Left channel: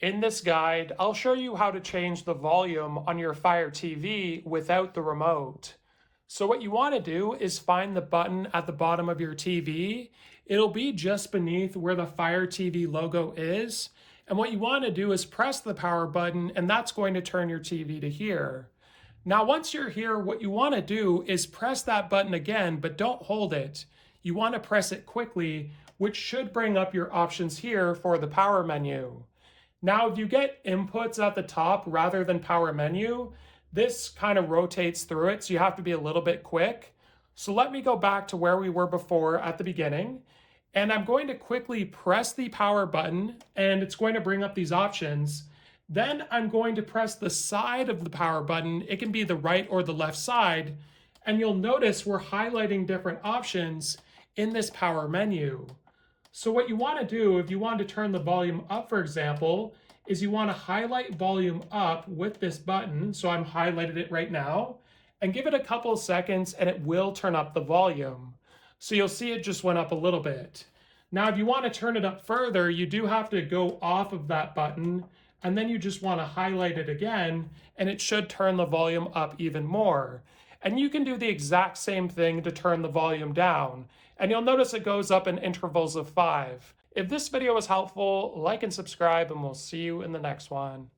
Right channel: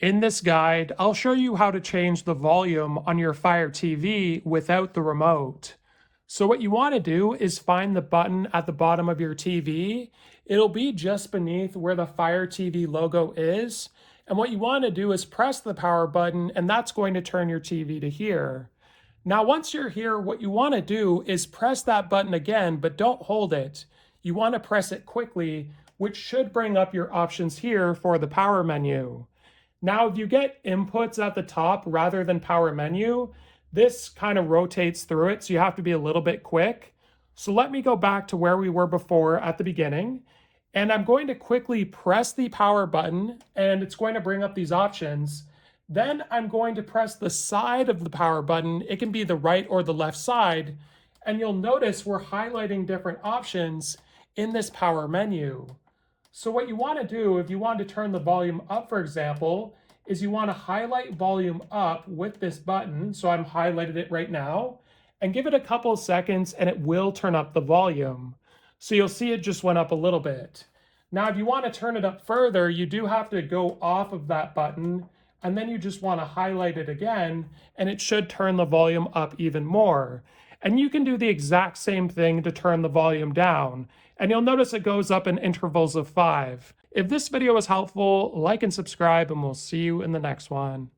In this guide, I'll show you how to change the volume on your Fire TV without the remote. So what you want to do is find the button at the bottom of your TV. It'll be just beneath where the Fire TV logo is. And what you want to do is press the power button, and that's going to turn your TV to here. Now, once you're here, what you want to do is press that button again, but don't hold it. You want to press it quickly, which should bring up your options here for the power menu. Now, if you get inputs at the top rather than power menu, this kind of rotates through it, so you have to be a little bit quick. So let me go back to where we were before at the beginning, and I'm going to quickly press the power button, and it's going to bring up these options. Then I'm going to press the side of the power button. It can be the right or the left side, and you'll notice we're highlighting different options in this power menu. So what you want to do, if you want to turn the volume up, for example, is you want to highlight volume up with this button. So I'm highlighted it right now, and give it a couple of seconds and it will turn up the volume. So you'll see it just went up a little bit. Now, if you want to turn it up further, you do have to go off of that button, and then you just want to highlight it again, and it should turn the volume up even more. And you can do the exact same thing to turn the volume down, and you'll notice it goes up in intervals of 5. If this video was helpful, like and subscribe, and we'll see you in the next one.